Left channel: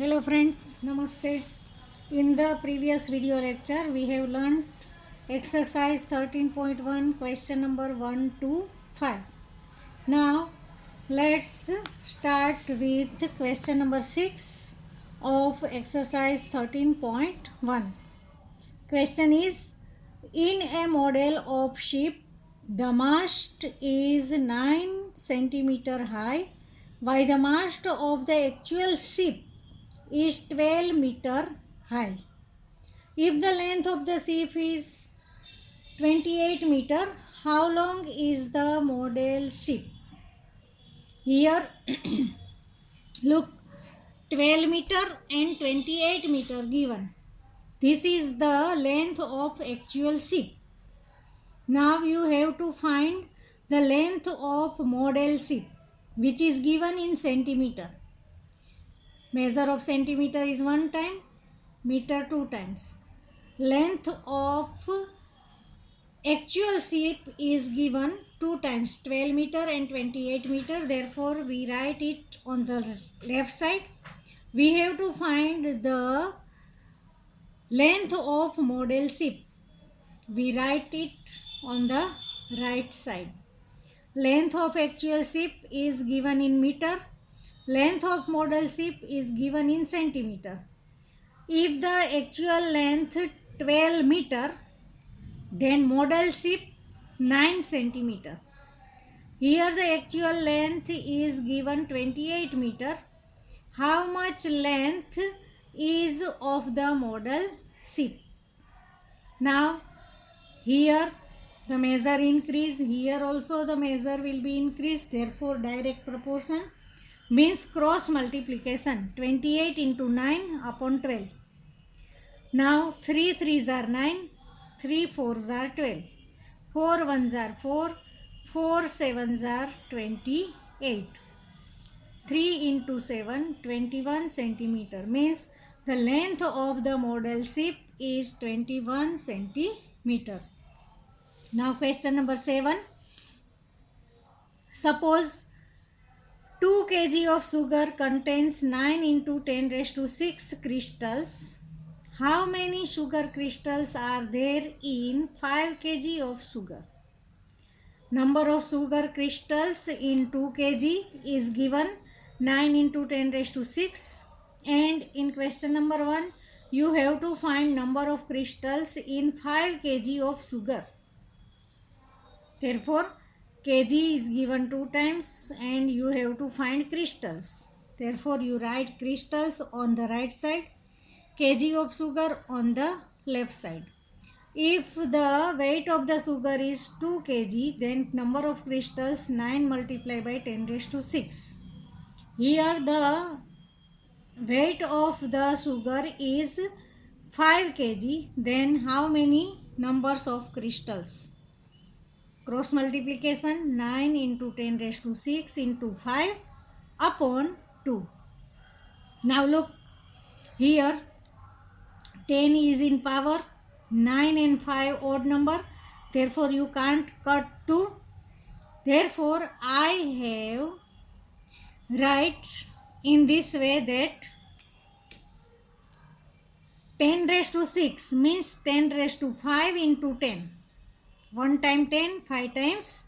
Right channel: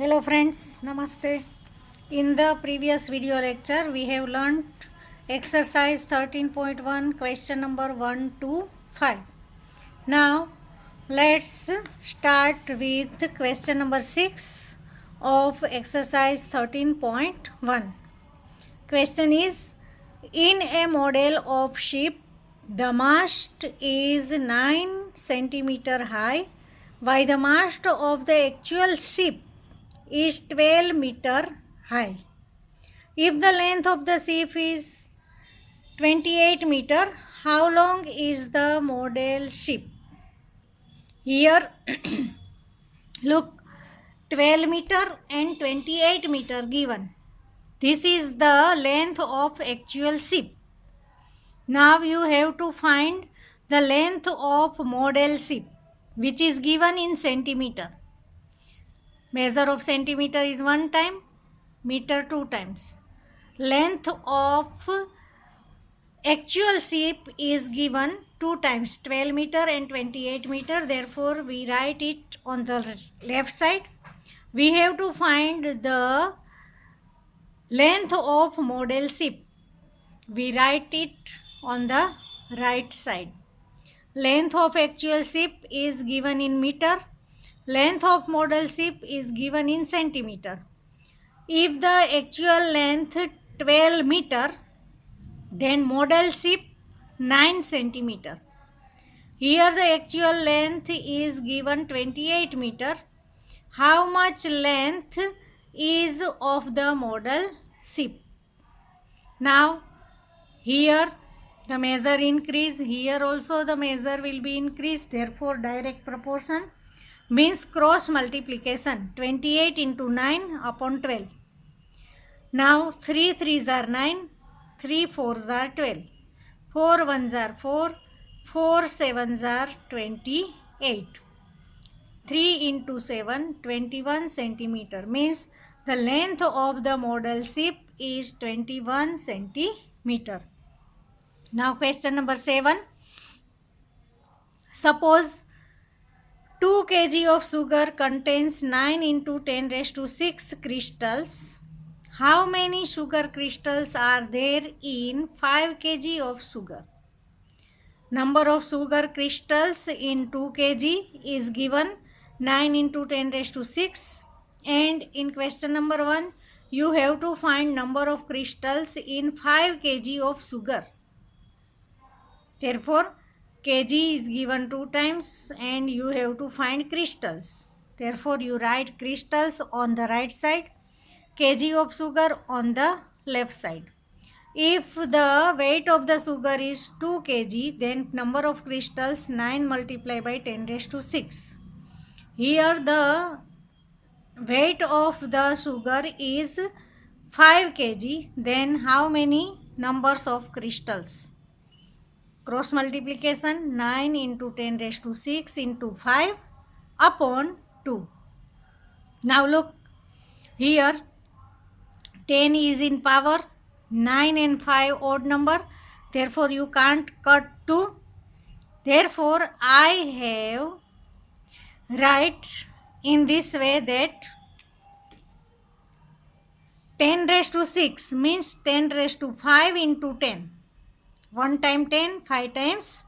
Hello friends, Namaste. In the previous video lecture, we have learned exercise 13.1 question number 1 to 5. Now, let's start with question number 6 of exercise 13.1. Question is, in a model of ship, the mast is 9 centimeter high, while the mast of the actual ship is 12 meter high. If the length of the ship is 28 meter, how long is the model ship? Here, look, 12 meter and 28 meter given. This is the length of actual ship. Now you have to find the length of model ship, which is given in centimeter. Measure of centimeter is 1 time, meter 2 times. Length of actual ship is given 2 times, 12 meter and 28 meter. Therefore, we write it on the left side. We have to find the length of model ship. We write it on the right side. Length of actual ship is given in meter. Length of model ship is given in centimeter. If the actual length 12 meter, then model ship 9 centimeter. Here the actual length is given 28 meter. How much length is of the model ship? Now here the measure increase, here also the measure will be increased. Therefore direct proportion means cross multiplication, 28 into 9 upon 12. Now 3 3s are 9, 3 4s are 12, 4 1s are 4, 4 7s are 28. 3 into 7, 21 centimeter means the length of the model ship is 21 centimeter. Now question number 7. Suppose 2 kg of sugar contains 9 into 10 raised to 6 crystals. How many sugar crystals are there in 5 kg of sugar? Number of sugar crystals in 2 kg is given 9 into 10 raised to 6, and in question number 1 you have to find number of crystals in 5 kg of sugar. Therefore kg is given 2 times and you have to find crystals. Therefore you write crystals on the right side, kg of sugar on the left side. If the weight of the sugar is 2 kg, then number of crystals 9 multiplied by 10 raised to 6. Here the weight of the sugar is 5 kg, then how many numbers of crystals? Cross multiplication, 9 into 10 raised to 6 into 5 upon 2. Now look, here 10 is in power, 9 and 5 odd number. Therefore you can't cut 2. Therefore I have write in this way that 10 raised to 6 means 10 raised to 5 into 10. 1 time 10, 5 times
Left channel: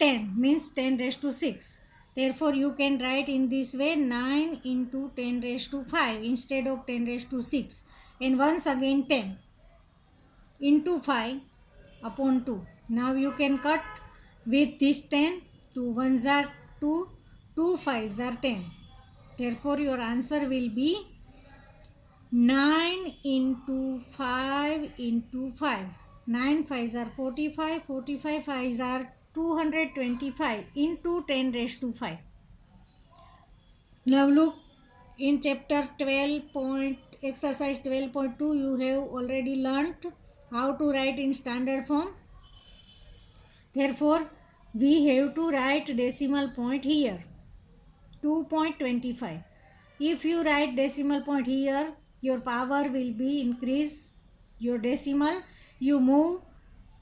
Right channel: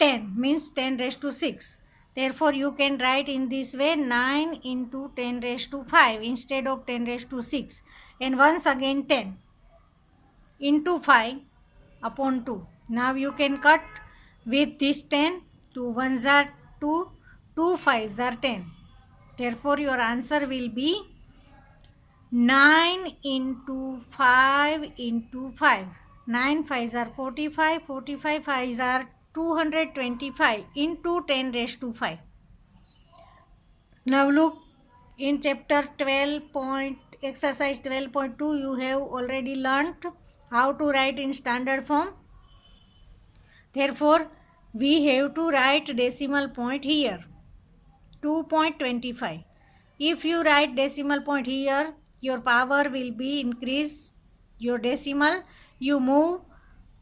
10 means 10 raised to 6. Therefore you can write in this way 9 into 10 raised to 5 instead of 10 raised to 6. And once again 10 into 5 upon 2. Now you can cut with this 10. 2 1s are 2, 2 5s are 10. Therefore your answer will be 9 into 5 into 5. 9 5s are 45, 45 5s are 225 into 10 raised to 5. Now look, in chapter 12 exercise 12.2 you have already learnt how to write in standard form. Therefore we have to write decimal point here, 2.25. If you write decimal point here, your power will be increased. Your decimal, you move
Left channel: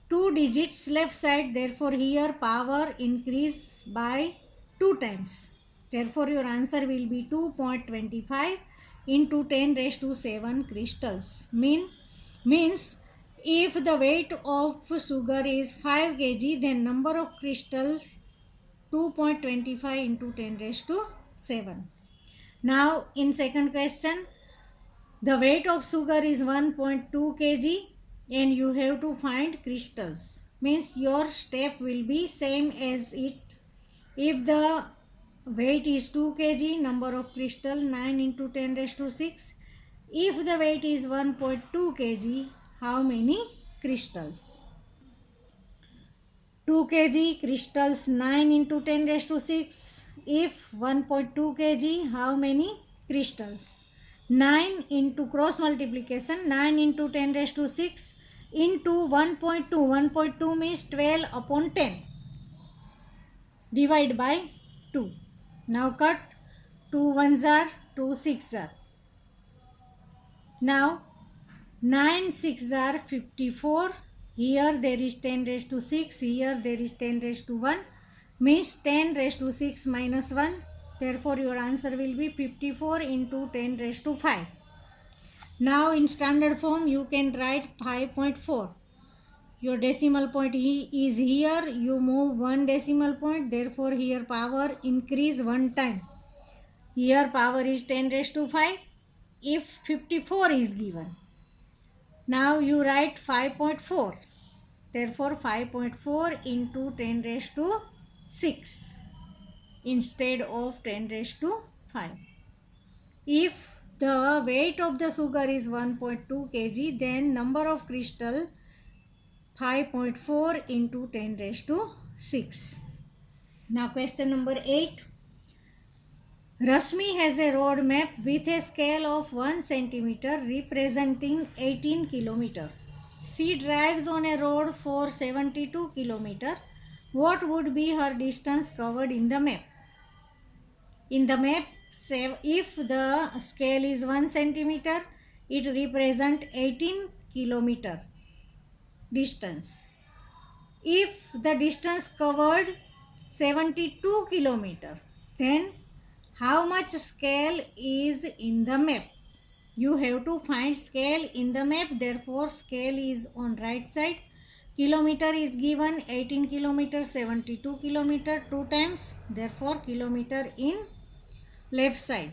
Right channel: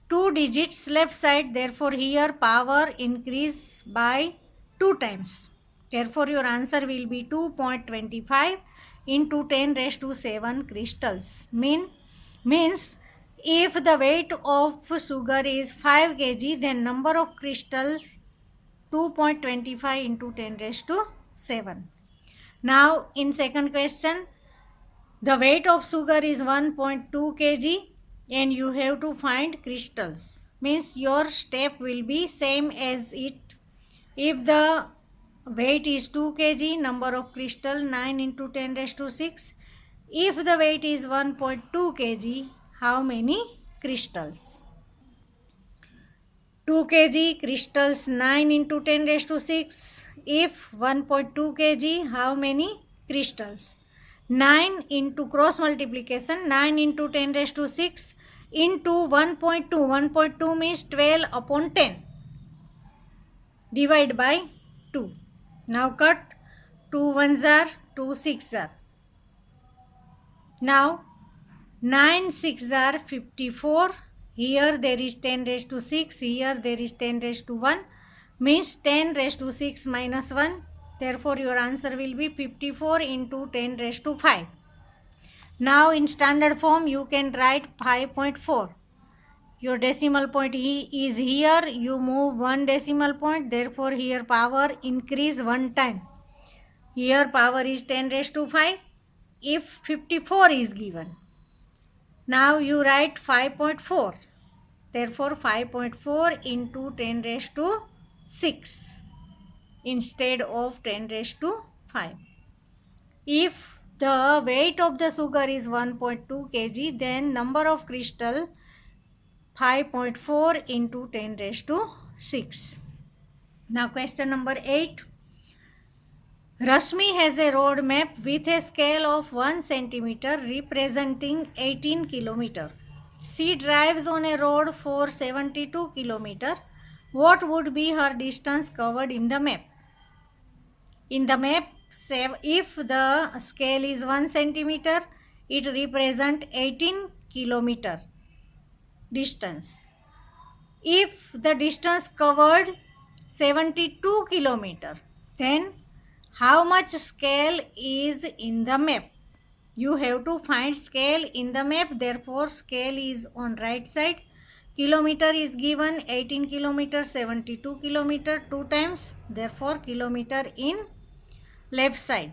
2 digits left side. Therefore here power increase by 2 times. Therefore your answer will be 2.25 into 10 raised to 7 crystals. Means if the weight of sugar is 5 kg, then number of crystals 2.25 into 10 raised to 7. Now in second question, the weight of sugar is 1.2 kg and you have to find crystals. Means your step will be same as it. If the weight is 2 kg, number of crystal 9 into 10 raised to 6. If the weight is 1.2 kg, how many crystals? 2 kg crystals 9 into 10 raised to 6. If 1.2 kg, how many crystals? 9 into cross multiplication, 9 into 10 raised to 6 into 1.2. 1.2 means 12 upon 10. Divide by 2. Now cut 2 ones are 2 6 are. Now 9 6 are 54. Here there is 10 raised to 6. Here there is 10 raised to 1. Means 10 raised to 6 minus 1. Therefore your answer will be 54 into 10 raised to 5. Now in standard form you can write 5.4. Your decimal point is here. You move one decimal point. Therefore here power increase one time. Here power is 10 raised to 5. If 54 is given. Now you write 5.4. Therefore 5.4 into 10 raised to 6 instead of 10 raised to 5. If the weight of the sugar is 1.2 kg, then number of crystal 5.4 into 10 raised to 6. Now question number 8. Rashmi has a road map with a scale of 1 centimeter representing 18 kilometer. She drives on a road for 72 kilometer. What would be her distance covered in the map? In the map, if the scale is 1 centimeter, it represents 18 kilometer distance. If the distance covered 72 kilometer, then how much scale is in the map? You have to find scale in the map. Therefore scale is on right side. Kilometer is given 18 kilometer, 72 kilometer 2 times. Therefore kilometer in left side.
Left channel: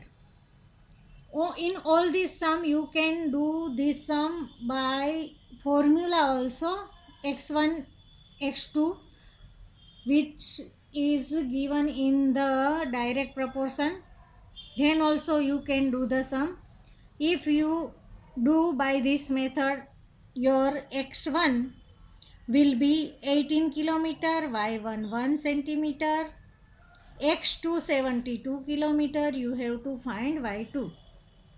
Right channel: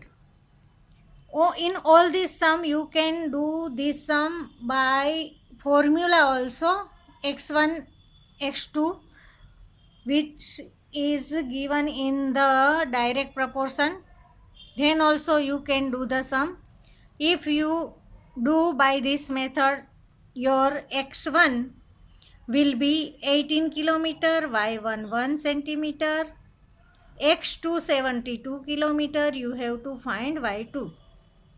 In all this sum you can do this sum by formula also, x1 x2, which is given in the direct proportion. Then also you can do the sum. If you do by this method, your x1 will be 18 kilometer, y1 1 centimeter, x2 72 kilometer. You have to find y2.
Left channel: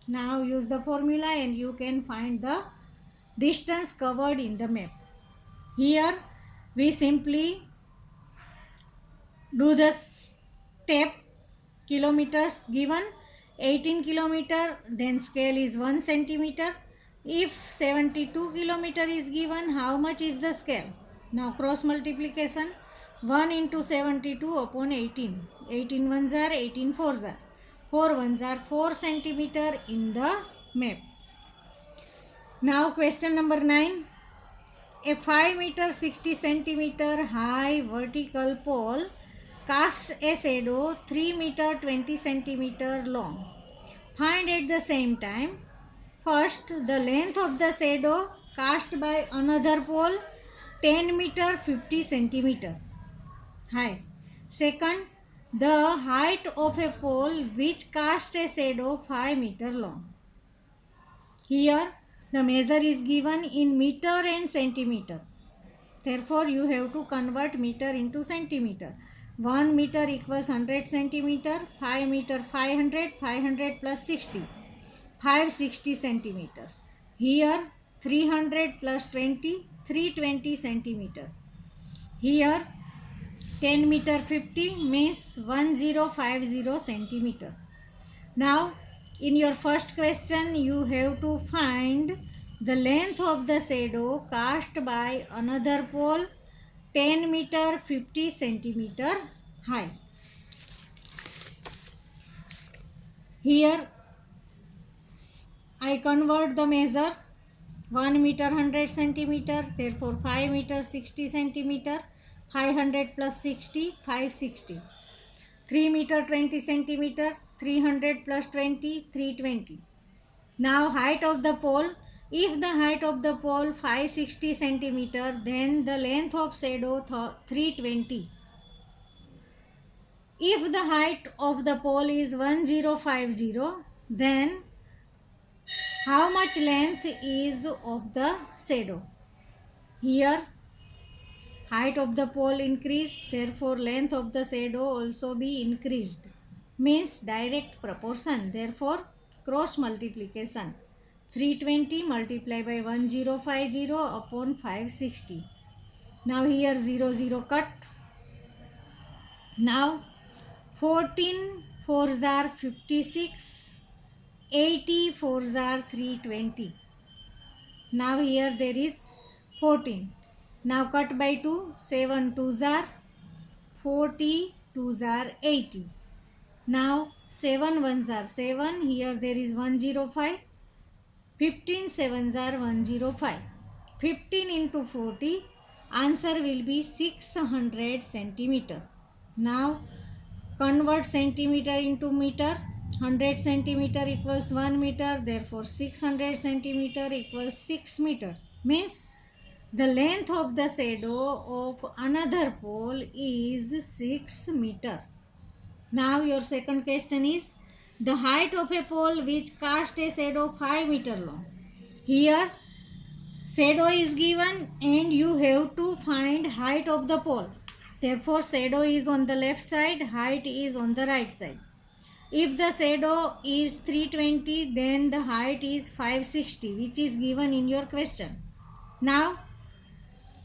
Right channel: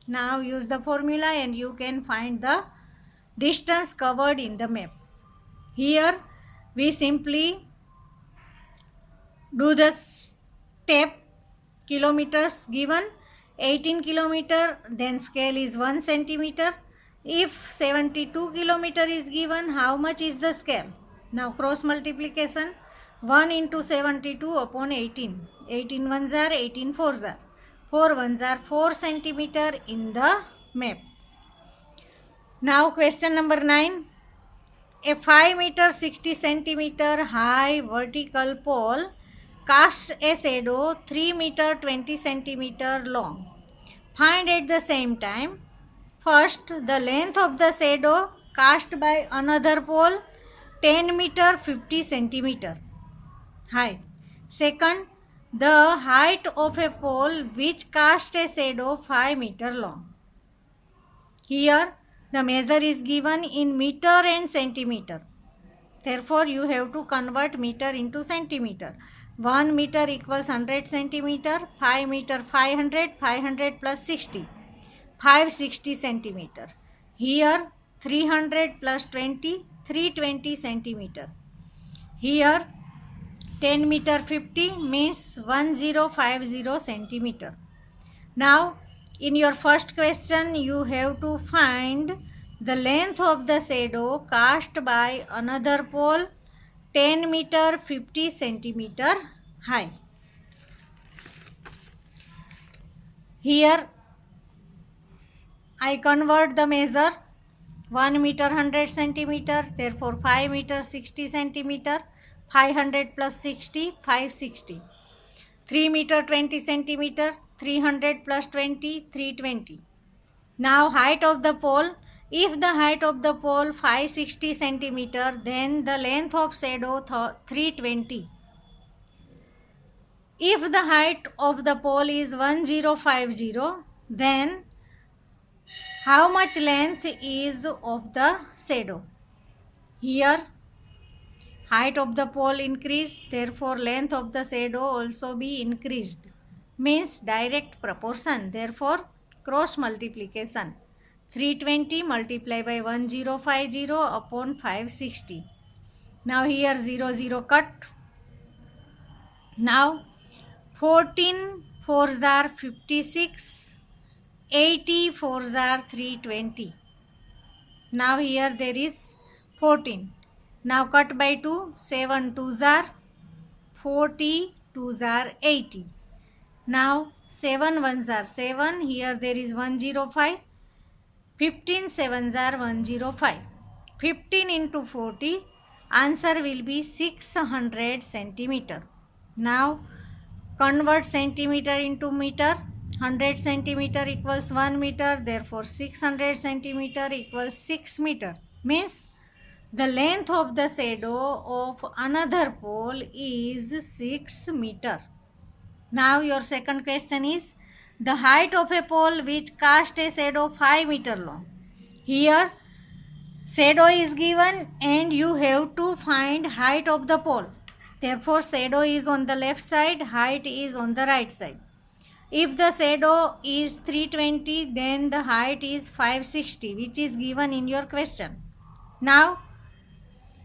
Now use the formula and you can find the distance covered in the map. Here we simply do the step. Kilometers given 18 kilometer, then scale is 1 centimeter. If 72 kilometer is given, how much is the scale? Now cross multiplication, 1 into 72 upon 18. 18 ones are 18 fours are. 4 ones are 4 centimeter in the map. Now question number 9. A 5 meter 60 centimeter high vertical pole casts a shadow 3 meter 20 centimeter long. Find at the same time, first the length of the shadow cast by another pole 10 meter 50 centimeter high. Second, the height of a pole which casts a shadow 5 meter long. Here the measure is given in meter and centimeter. Therefore you have to convert meter into centimeter. 1 meter equals 100 centimeter, 5 meter 500, 500 plus 60, 560 centimeter. Here 300 plus 20, 320 centimeter. Here 10 meter 50 means 1050 centimeter. Now in your first question you have to find the length of the shadow cast by another pole 10 meter 50 centimeter high. Here I convert the measure. 1 meter 100 centimeter, therefore 5 meter 60 centimeter, 500 plus 60, 560. 3 meter 20 centimeter, 300 plus 20, 320. Now height of the pole. If the height of the pole 560 centimeter, then the length of shadow 320. If the height of the pole is 1050, then how much length is of the shadow? Here height of the pole increased, therefore length of the shadow also be increased. Means direct proportion, therefore cross multiplication. 320 multiplied by 1050 upon 560. Now here 0 cut. Now 14 4s are 56, 80 4s are 320. Now here there is 14. Now cut by 2, 7 2s are 40, 2s are 80. Now 7 1s are 7, here there is 105. 15 7s are 105. 15 into 40, answer will be 600 centimeter. Now convert centimeter into meter. 100 centimeter equals 1 meter, therefore 600 centimeter equals 6 meter. Means the length of the shadow of another pole is 6 meter. Now your second question is the height of a pole which casts a shadow 5 meter long. Here shadow is given and you have to find height of the pole. Therefore shadow is on the left side, height is on the right side. If the shadow is 320, then the height is 560, which is given in your question. Now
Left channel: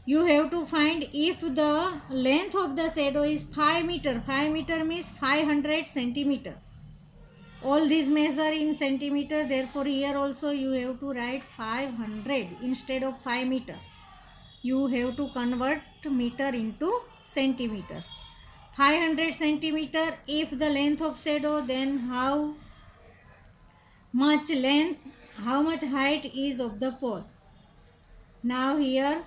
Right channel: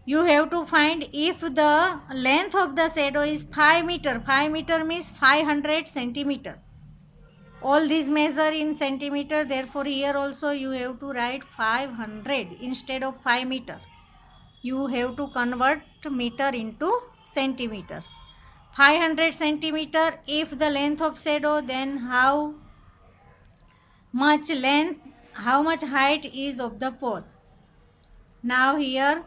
you have to find if the length of the shadow is 5 meter. 5 meter means 500 centimeter. All these measure in centimeter, therefore here also you have to write 500 instead of 5 meter. You have to convert meter into centimeter. 500 centimeter, if the length of shadow, then how much height is of the pole. Now here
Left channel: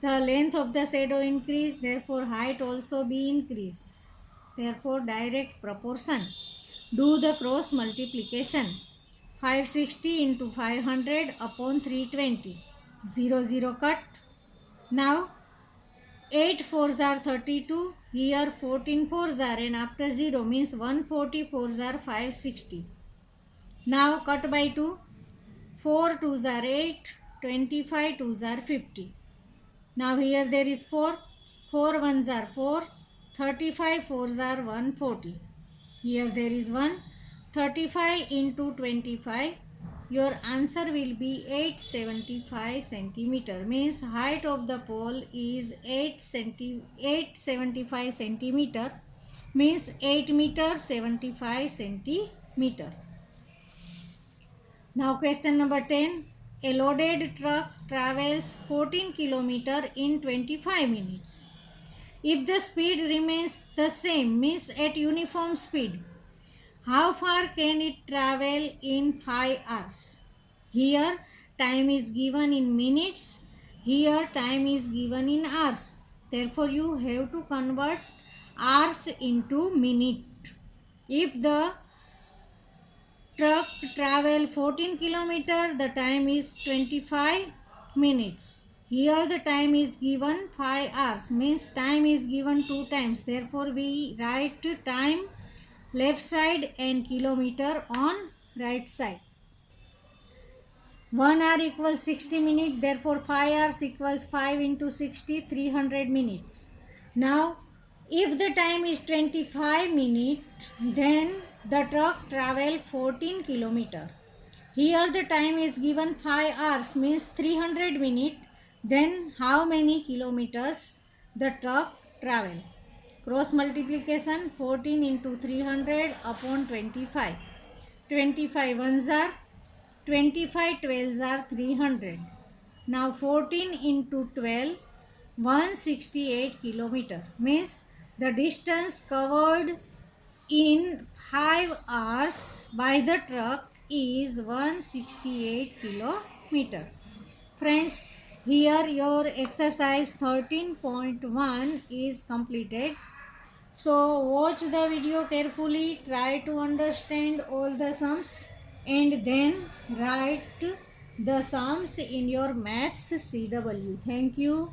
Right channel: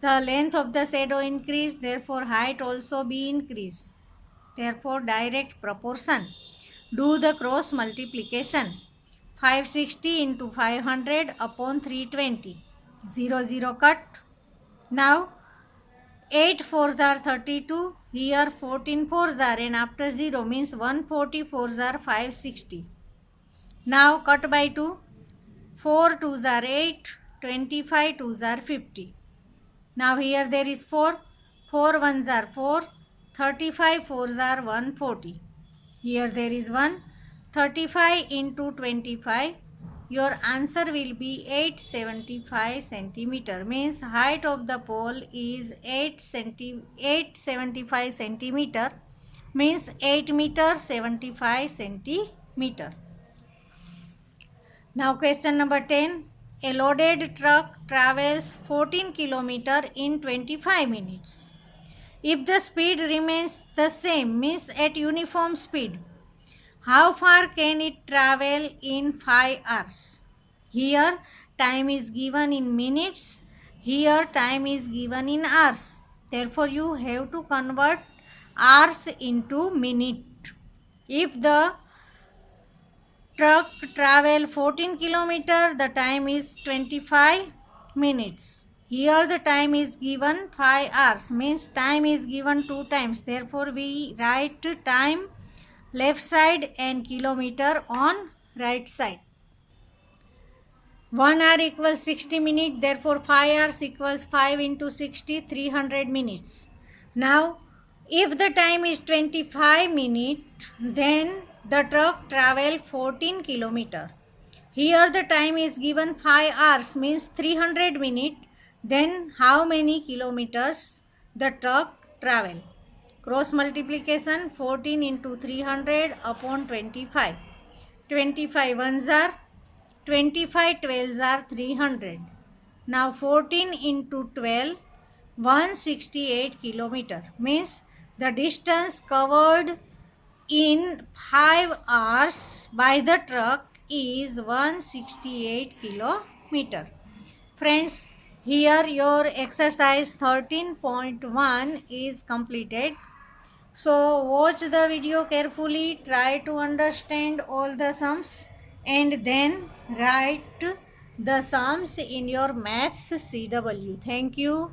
the length of the shadow increase, therefore height also be increased. Therefore direct proportion. Do the cross multiplication. 560 into 500 upon 320. 0 cut. Now 8 4s are 32. Here 14 4s are, and after 0 means 140 4s are 560. Now cut by 2. 4 2s are 8. 25 2s are 50. Now here there is 4. 4 1s are 4. 35 4s are 140. Here there is 1. 35 into 25. Your answer will be 875 centimeter. Means height of the pole is 875 centimeter. Means 8 meter 75 centimeter. Now question number 10. A loaded truck travels 14 km in 25 minutes. If the speed remains the same, means at uniform speed, how far can it travel in 5 hours? Here time is given in minutes. Here time is given in hours. Therefore you have to convert hours into minute. If the truck travel 14 km, the time is 25 minutes. Here the time is given 5 hours, means time is given 2 times. Therefore we write time left side and kilometer on right side. 1 hour equals 60 minutes, therefore 5 hours equals 5 into 60, 300 minutes. Now if the time is 25 minutes, then the truck travel 14 km. Here the time is given 5 hours, means 300 minutes. Then how many kilometers the truck travel? Cross multiplication. 14 into 300 upon 25. 25 ones are 25, 12s are 300. Now 14 into 12, 168 kilometer. Means the distance covered in 5 hours by the truck is 168 kilometer. Friends, here your exercise 13.1 is completed. So watch the video carefully, try to understand all the sums and then write the sums in your maths CW. Thank you.